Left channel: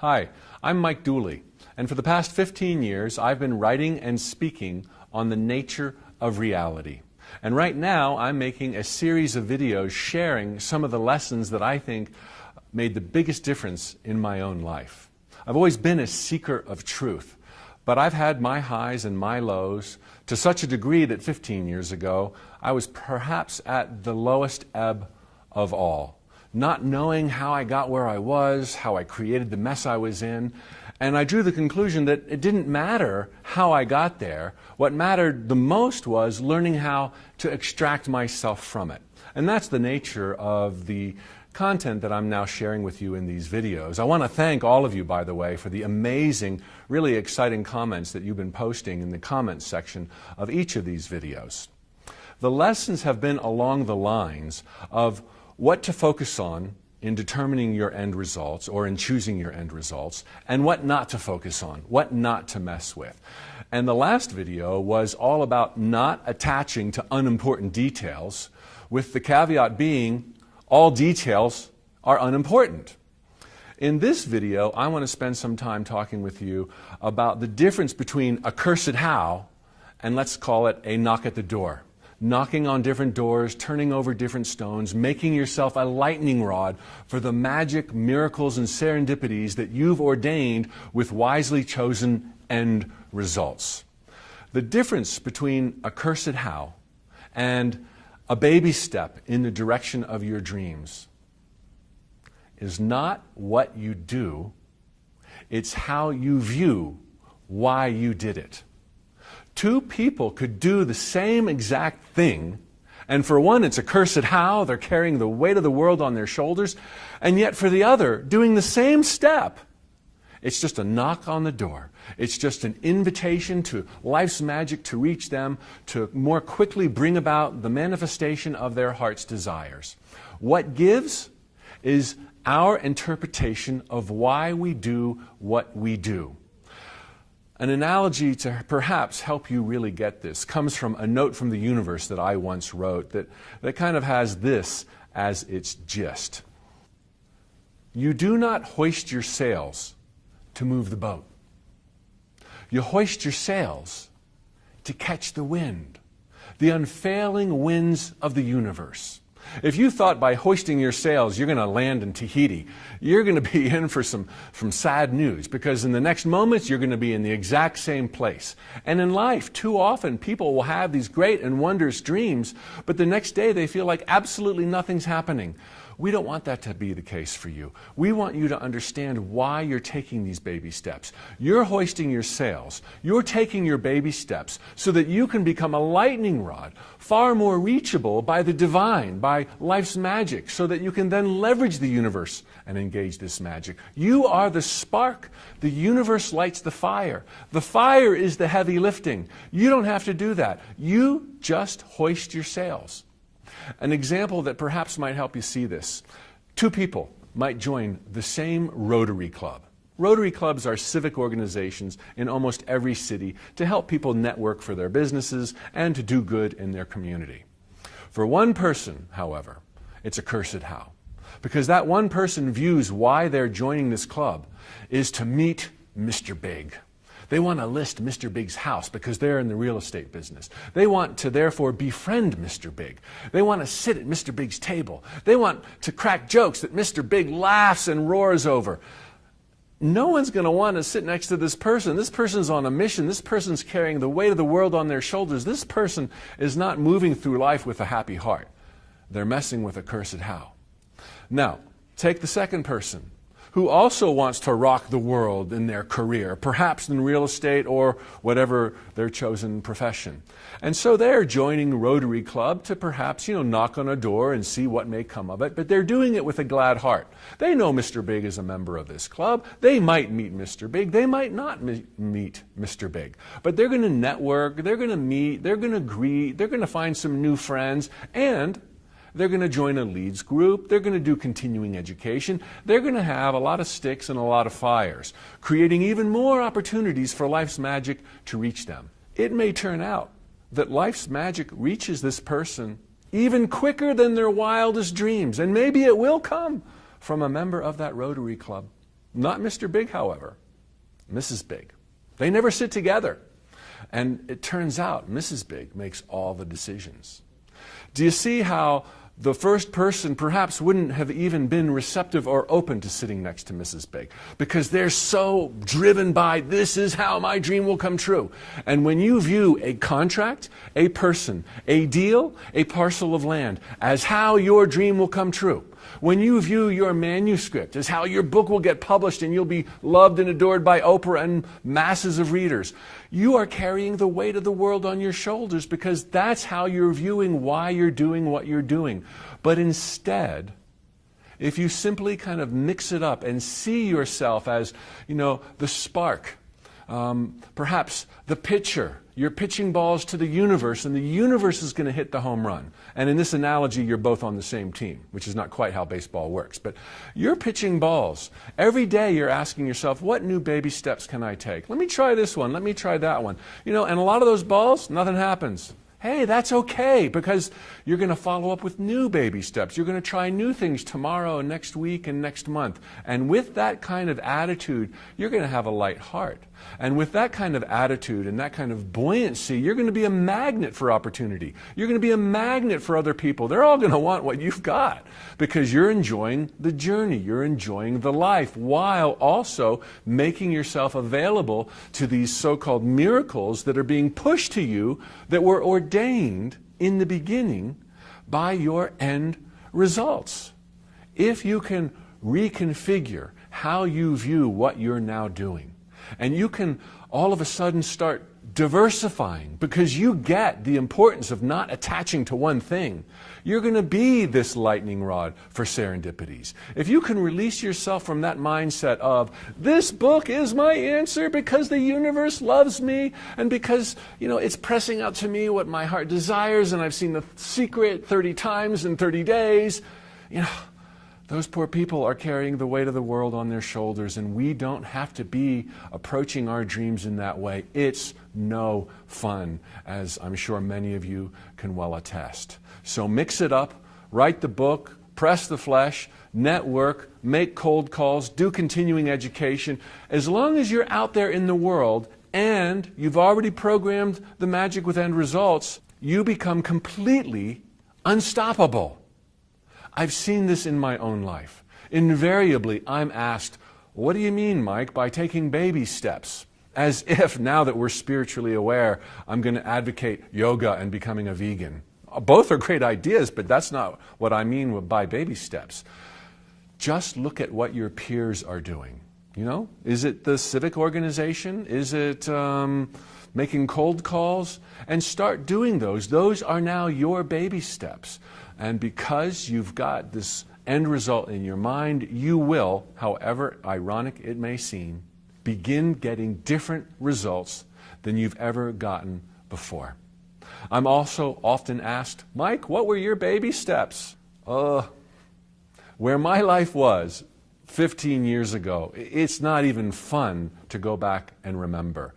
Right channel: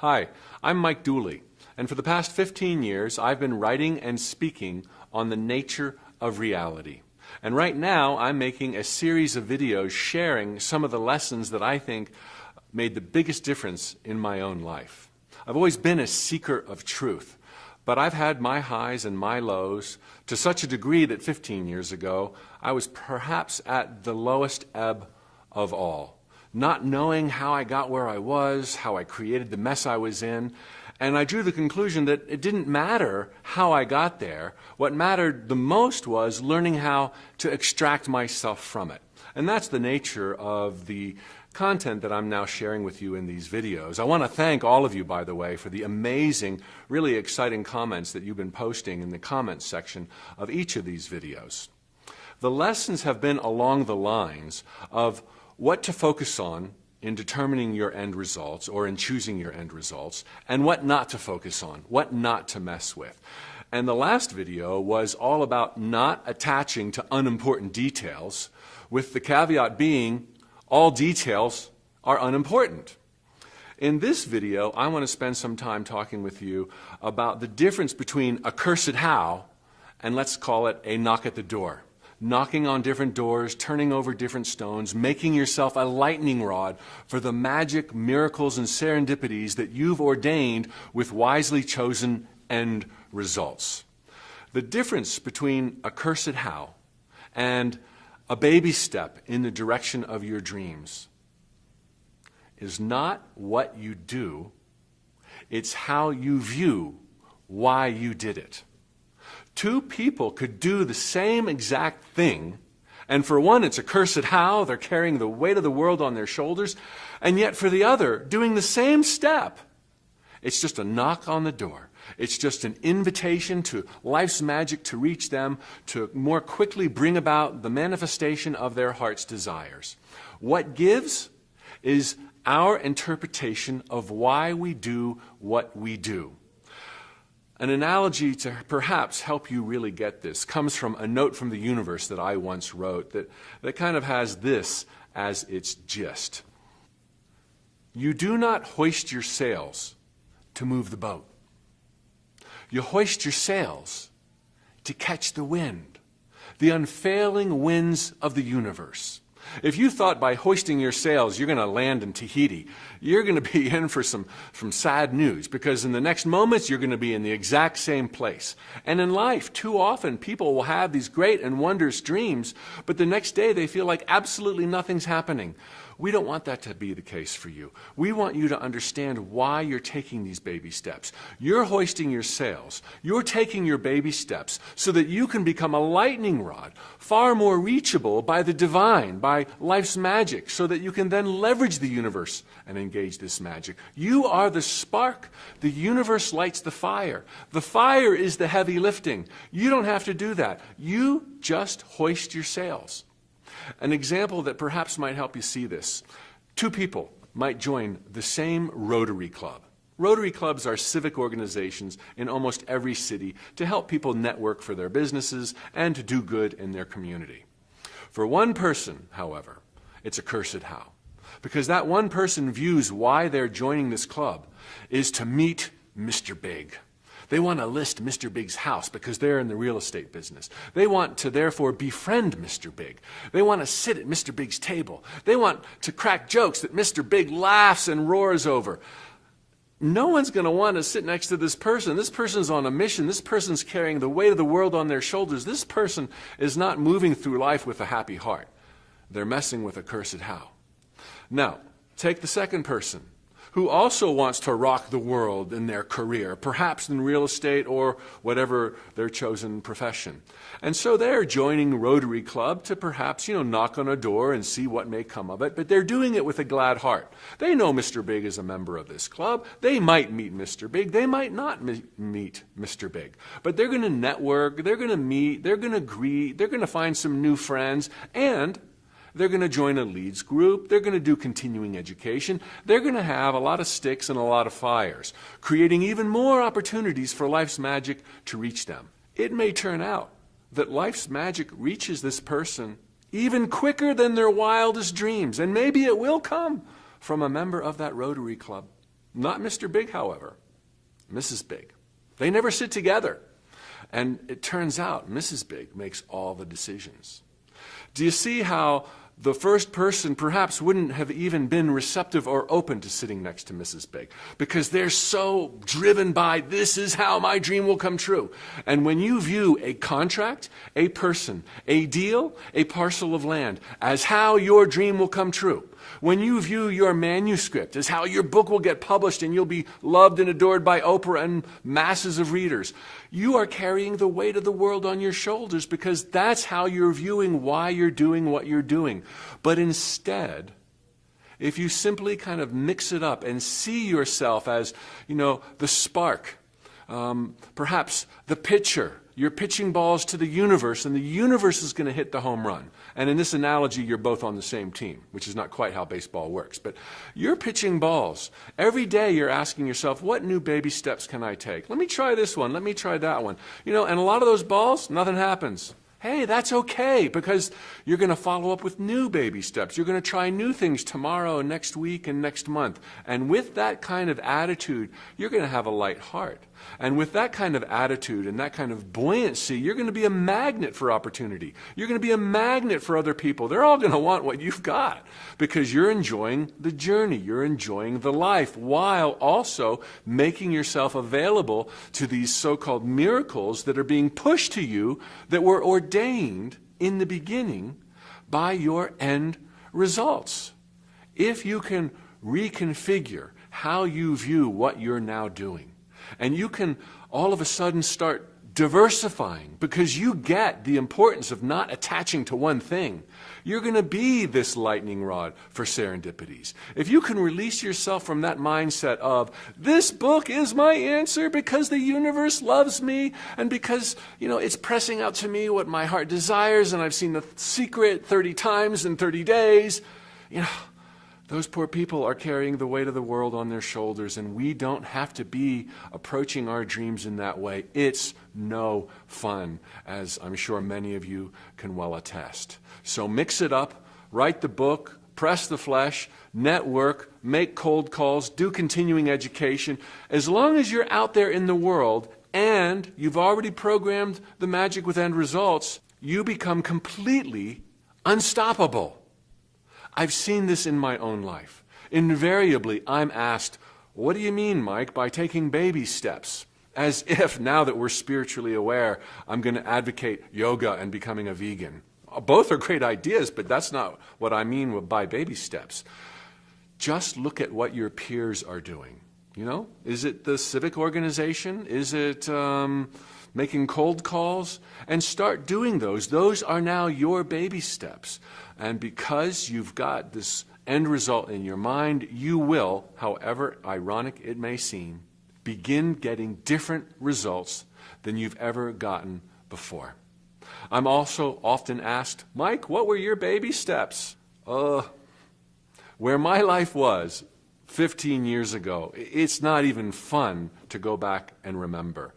Hi, I'm Mike Dooley, and for the past 15 years, I've been writing and speaking on the nature of reality. And right now, I'm making a series of videos sharing some of the lessons that I think made the biggest difference in my own life. I've always been a seeker of truth, but I've had my highs and my lows to such a degree that 15 years ago, I was perhaps at the lowest ebb of all. Not knowing how I got where I was, how I created the mess I was in, and I drew the conclusion that it didn't matter how I got there. What mattered the most was learning how to extract myself from it. And that's the nature of the content that I'm now sharing with you in these videos. I want to thank all of you, by the way, for the amazing, really exciting comments that you've been posting in the comments section of each of these videos. The lessons have been along the lines of what to focus on in determining your end results or in choosing your end results, and what not to focus on, what not to mess with. And the last video was all about not attaching to unimportant details, with the caveat being all details are unimportant. In this video, I want to spend some time talking with you about the difference between a cursed how and let's call it a knock at the door. Knocking on different doors, turning over different stones, making yourself a lightning rod for the magic, miracles, and serendipities that you've ordained with wisely chosen end results. The difference between a cursed how and a baby step in the direction of your dreams is not what you do, it's how you view why you did it. Two people could do the same exact thing, and for one it's a cursed how, they're carrying the weight of the world on their shoulders, and yet for the other, doing the same step, it's just a knock on the door. It's just an invitation to life's magic to reach them, to more quickly bring about the manifestation of their heart's desires. What gives is our interpretation of why we do what we do. An analogy to perhaps help you really get this comes from a note from the universe that I once wrote that kind of has this as its gist. You do not hoist your sails to move the boat. You hoist your sails to catch the wind, the unfailing winds of the universe. If you thought by hoisting your sails you're going to land in Tahiti, you're going to be in for some sad news, because in the next moments you're going to be in the exact same place. And in life, too often people will have these great and wondrous dreams, but the next day they feel like absolutely nothing's happening. We don't want that to be the case for you. We want you to understand why you're taking these baby steps. You're hoisting your sails. You're taking your baby steps so that you can become a lightning rod, far more reachable by the divine, by life's magic, so that you can then leverage the universe and engage this magic. You are the spark. The universe lights the fire. The fire is the heavy lifting. You don't have to do that. You just hoist your sails. An example that perhaps might help you see this. Two people might join the same Rotary Club. Rotary clubs are civic organizations in almost every city to help people network for their businesses and to do good in their community. For one person, however, it's a cursed how, because that one person views why they're joining this club is to meet Mr. Big. They want to list Mr. Big's house because they're in the real estate business. They want to therefore befriend Mr. Big. They want to sit at Mr. Big's table. They want to crack jokes that Mr. Big laughs and roars over. No one's going to want to sit next to this person. This person's on a mission. This person's carrying the weight of the world on their shoulders. This person is not moving through life with a happy heart. They're messing with a cursed how. Now, take the second person, who also wants to rock the world in their career, perhaps in real estate or whatever their chosen profession. And so they're joining Rotary Club to perhaps, knock on a door and see what may come of it, but they're doing it with a glad heart. They know Mr. Big is a member of this club. They might meet Mr. Big. They might not meet Mr. Big. But they're going to network, they're going to meet, they're going to greet, they're going to find some new friends, and they're going to join a leads group. They're going to do continuing education. They're going to have a lot of sticks and a lot of fires, creating even more opportunities for life's magic to reach them. It may turn out that life's magic reaches this person even quicker than their wildest dreams, and maybe it will come from a member of that Rotary Club. Not Mr. Big, however. Mrs. Big. They never sit together. And it turns out Mrs. Big makes all the decisions. Do you see how the first person perhaps wouldn't have even been receptive or open to sitting next to Mrs. Big because they're so driven by this is how my dream will come true. And when you view a contract, a person, a deal, a parcel of land as how your dream will come true, when you view your manuscript as how your book will get published and you'll be loved and adored by Oprah and masses of readers, you are carrying the weight of the world on your shoulders because that's how you're viewing why you're doing what you're doing. But instead, if you simply kind of mix it up and see yourself as, the spark, perhaps the pitcher, you're pitching balls to the universe and the universe is going to hit the home run. And in this analogy, you're both on the same team, which is not quite how baseball works. But you're pitching balls. Every day you're asking yourself, what new baby steps can I take? Let me try this one. Let me try that one. And a lot of those balls, nothing happens. Hey, that's okay because you're going to follow up with new baby steps. You're going to try new things tomorrow and next week and next month. And with that kind of attitude, you're going to have a light heart. And with that kind of attitude and that kind of buoyancy, you're going to be a magnet for opportunity. You're going to be a magnet for other people. They're all going to want what you've got because you're enjoying the journey. You're enjoying the life while also making yourself available to these so-called miracles that are being pushed to you that were ordained in the beginning by your end results. If you can reconfigure how you view what you're now doing, and you can all of a sudden start diversifying because you get the importance of not attaching to one thing. You're going to be this lightning rod for serendipities. If you can release yourself from that mindset of, this book is my answer because the universe loves me and because, it's pressing out to me what my heart desires and I've seen The Secret 30 times in 30 days, those poor people are carrying the weight of the world on their shoulders, and we don't have to be approaching our dreams in that way. It's no fun, as I'm sure many of you can well attest. So mix it up, write the book, press the flesh, network, make cold calls, do continuing education. As long as you're out there in the world and you've already programmed the magic with end results, you become completely unstoppable. I've seen this in my own life. Invariably, I'm asked, what do you mean, Mike, by taking baby steps? As if, now that we're spiritually aware, I'm going to advocate yoga and becoming a vegan. Both are great ideas, but that's not what I mean by baby steps. Just look at what your peers are doing. Is it the civic organization? Is it making cold calls? And start doing those. Those are now your baby steps. And because you've got this end result in your mind, you will, however ironic it may seem, begin getting different results than you've ever gotten before. I'm also often asked, Mike, what were your baby steps? Where my life was 15 years ago, it's not even fun to go back and remember.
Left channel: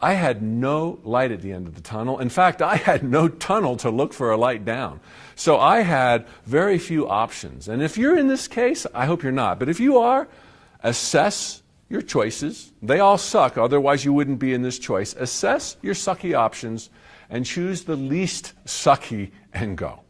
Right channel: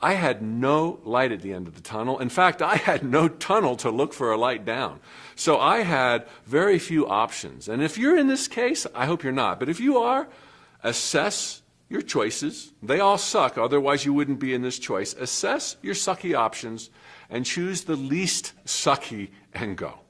I had no light at the end of the tunnel. In fact, I had no tunnel to look for a light down. So I had very few options. And if you're in this case, I hope you're not, but if you are, assess your choices. They all suck, otherwise you wouldn't be in this choice. Assess your sucky options and choose the least sucky and go.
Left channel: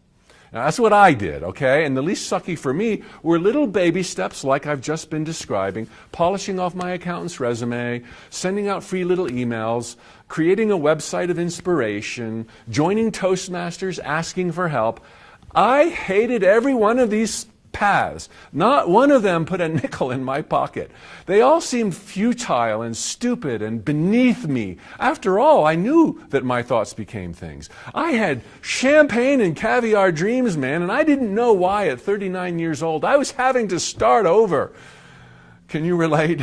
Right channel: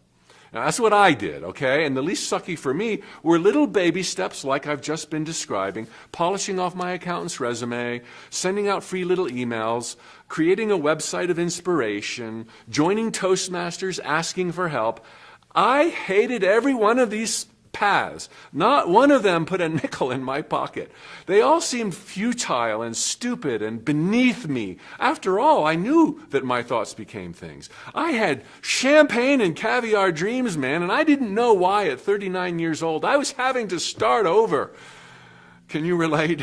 Now, that's what I did, okay? And the least sucky for me were little baby steps like I've just been describing, polishing off my accountant's resume, sending out free little emails, creating a website of inspiration, joining Toastmasters, asking for help. I hated every one of these paths. Not one of them put a nickel in my pocket. They all seemed futile and stupid and beneath me. After all, I knew that my thoughts became things. I had champagne and caviar dreams, man, and I didn't know why at 39 years old I was having to start over. Can you relate?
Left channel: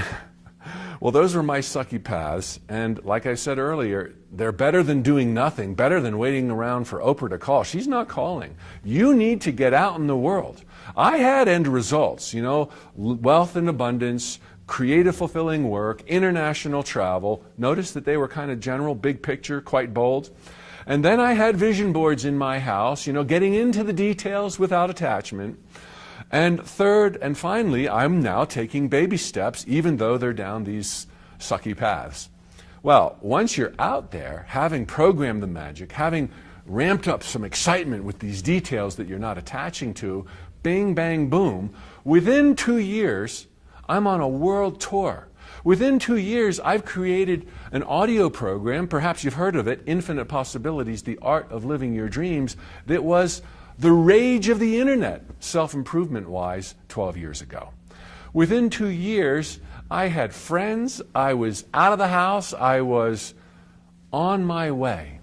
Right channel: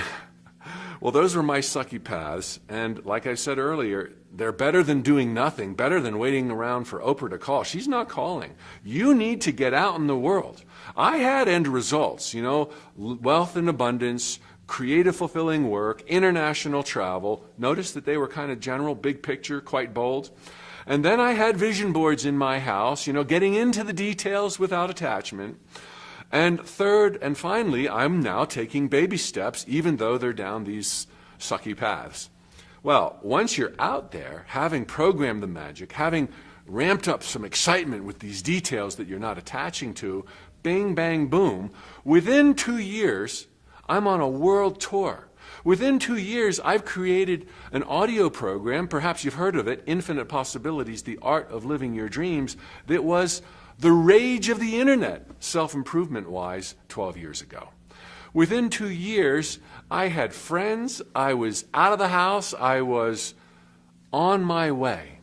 Well, those were my sucky paths, and like I said earlier, they're better than doing nothing, better than waiting around for Oprah to call. She's not calling. You need to get out in the world. I had end results, wealth and abundance, creative, fulfilling work, international travel. Notice that they were kind of general, big picture, quite bold. And then I had vision boards in my house, getting into the details without attachment. And third and finally, I'm now taking baby steps, even though they're down these sucky paths. Well, once you're out there, having programmed the magic, having ramped up some excitement with these details that you're not attaching to, bing, bang, boom, within 2 years, I'm on a world tour. Within 2 years, I've created an audio program, perhaps you've heard of it, Infinite Possibilities, The Art of Living Your Dreams, that was the rage of the internet, self-improvement-wise, 12 years ago. Within 2 years, I had friends, I was out of the house, I was on my way.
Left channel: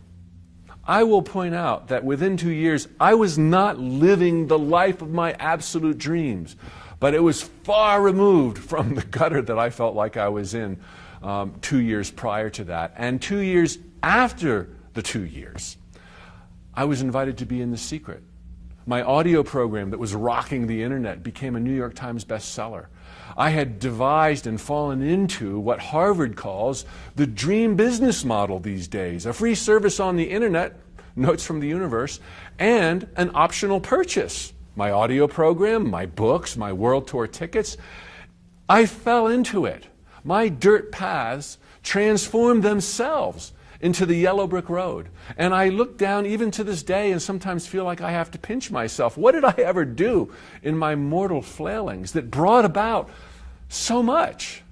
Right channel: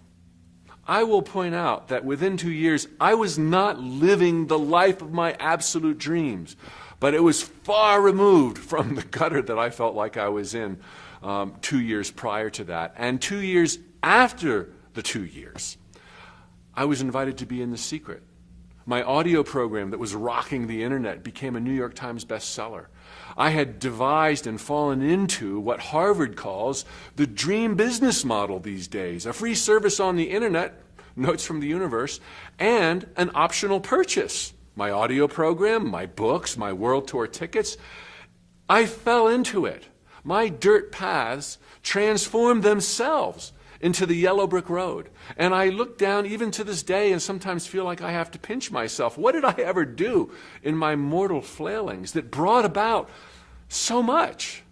I will point out that within 2 years, I was not living the life of my absolute dreams, but it was far removed from the gutter that I felt like I was in 2 years prior to that. And 2 years after the 2 years, I was invited to be in The Secret. My audio program that was rocking the internet became a New York Times bestseller. I had devised and fallen into what Harvard calls the dream business model these days, a free service on the internet, Notes from the Universe, and an optional purchase. My audio program, my books, my world tour tickets. I fell into it. My dirt paths transformed themselves into the yellow brick road. And I look down even to this day and sometimes feel like I have to pinch myself. What did I ever do in my mortal flailings that brought about so much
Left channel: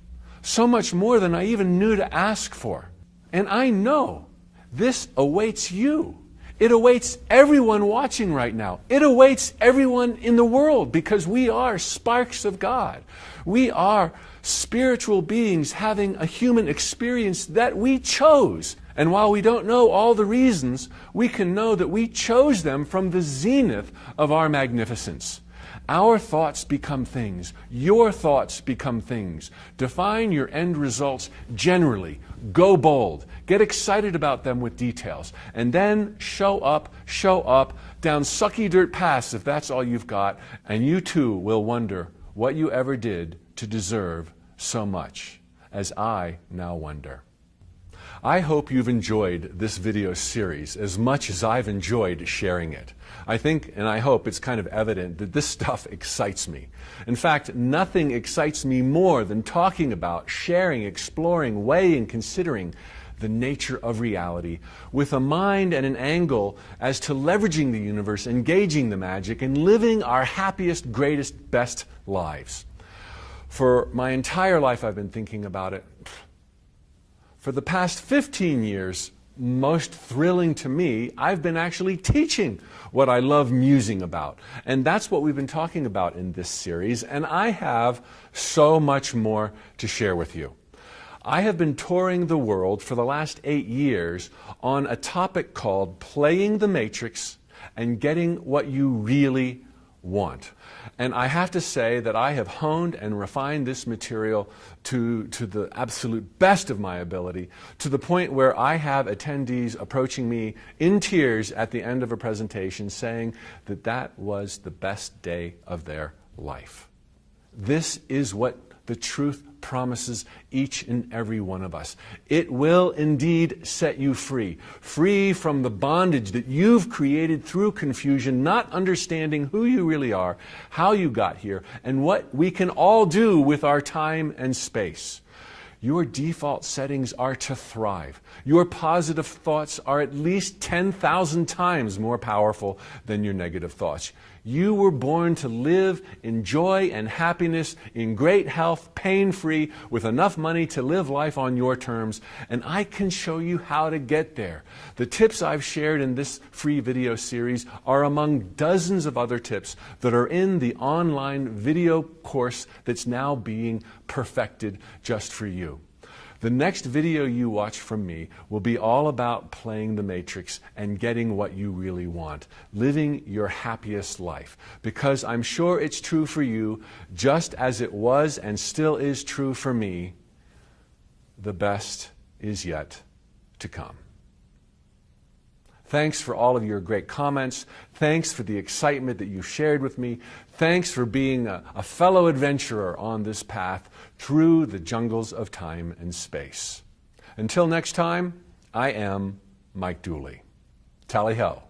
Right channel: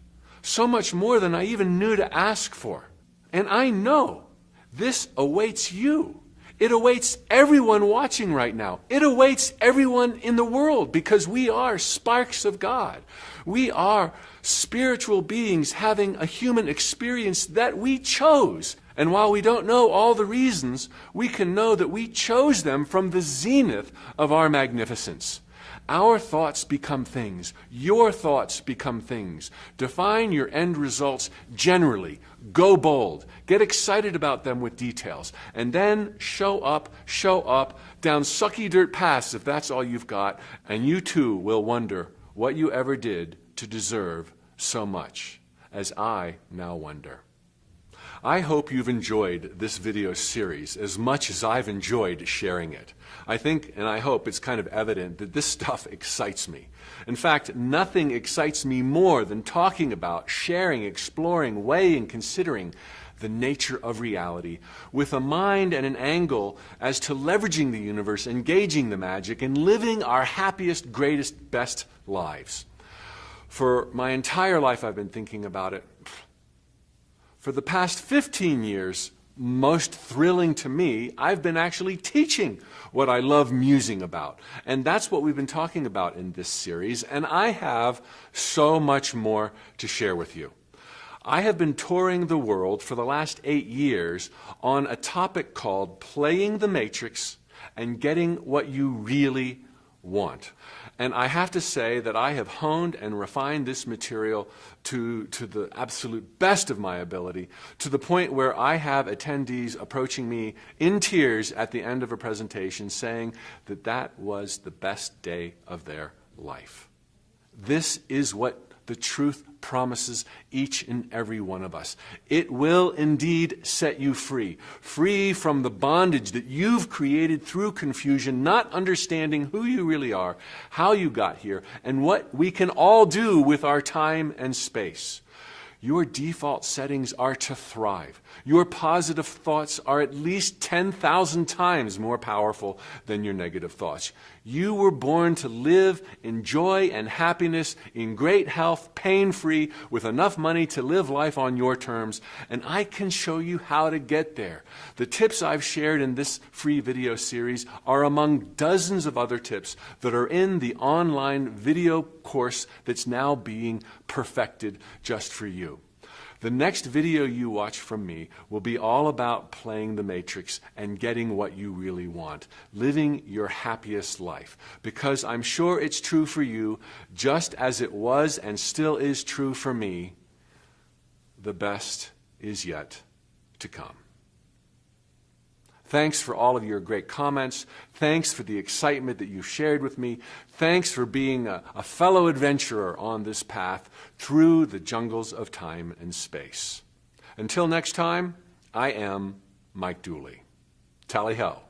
more than I even knew to ask for? And I know this awaits you. It awaits everyone watching right now. It awaits everyone in the world, because we are sparks of God. We are spiritual beings having a human experience that we chose. And while we don't know all the reasons, we can know that we chose them from the zenith of our magnificence. Our thoughts become things. Your thoughts become things. Define your end results generally. Go bold. Get excited about them with details. And then show up down sucky dirt paths if that's all you've got. And you too will wonder what you ever did to deserve so much, as I now wonder. I hope you've enjoyed this video series as much as I've enjoyed sharing it. I think and I hope it's kind of evident that this stuff excites me. In fact, nothing excites me more than talking about, sharing, exploring, weighing, considering the nature of reality with a mind and an angle as to leveraging the universe, engaging the magic, and living our happiest, greatest, best lives. For my entire life I've been thinking about it. For the past 15 years, most thrilling to me, I've been actually teaching what I love musing about. And that's what we've been talking about in this series, and I have so much more to share with you. I have been touring the world for the last 8 years on a topic called Playing the Matrix and Getting What You Really Want. And I have to say that I have honed and refined this material to the absolute best of my ability, to the point where I have attendees approaching me in tears at the end of a presentation saying that that was the best day of their life. This is what the truth promises each and every one of us. It will indeed set you free, free from the bondage that you've created through confusion, not understanding who you really are, how you got here, and what we can all do with our time and space. Your default settings are to thrive. Your positive thoughts are at least 10,000 times more powerful than your negative thoughts. You were born to live in joy and happiness, in great health, pain-free, with enough money to live life on your terms, and I can show you how to get there. The tips I've shared in this free video series are among dozens of other tips that are in the online video course that's now being perfected just for you. The next video you watch from me will be all about playing the matrix and getting what you really want, living your happiest life. Because I'm sure it's true for you, just as it was and still is true for me, the best is yet to come. Thanks for all of your great comments. Thanks for the excitement that you shared with me. Thanks for being a fellow adventurer on this path through the jungles of time and space. Until next time, I am Mike Dooley. Tally ho.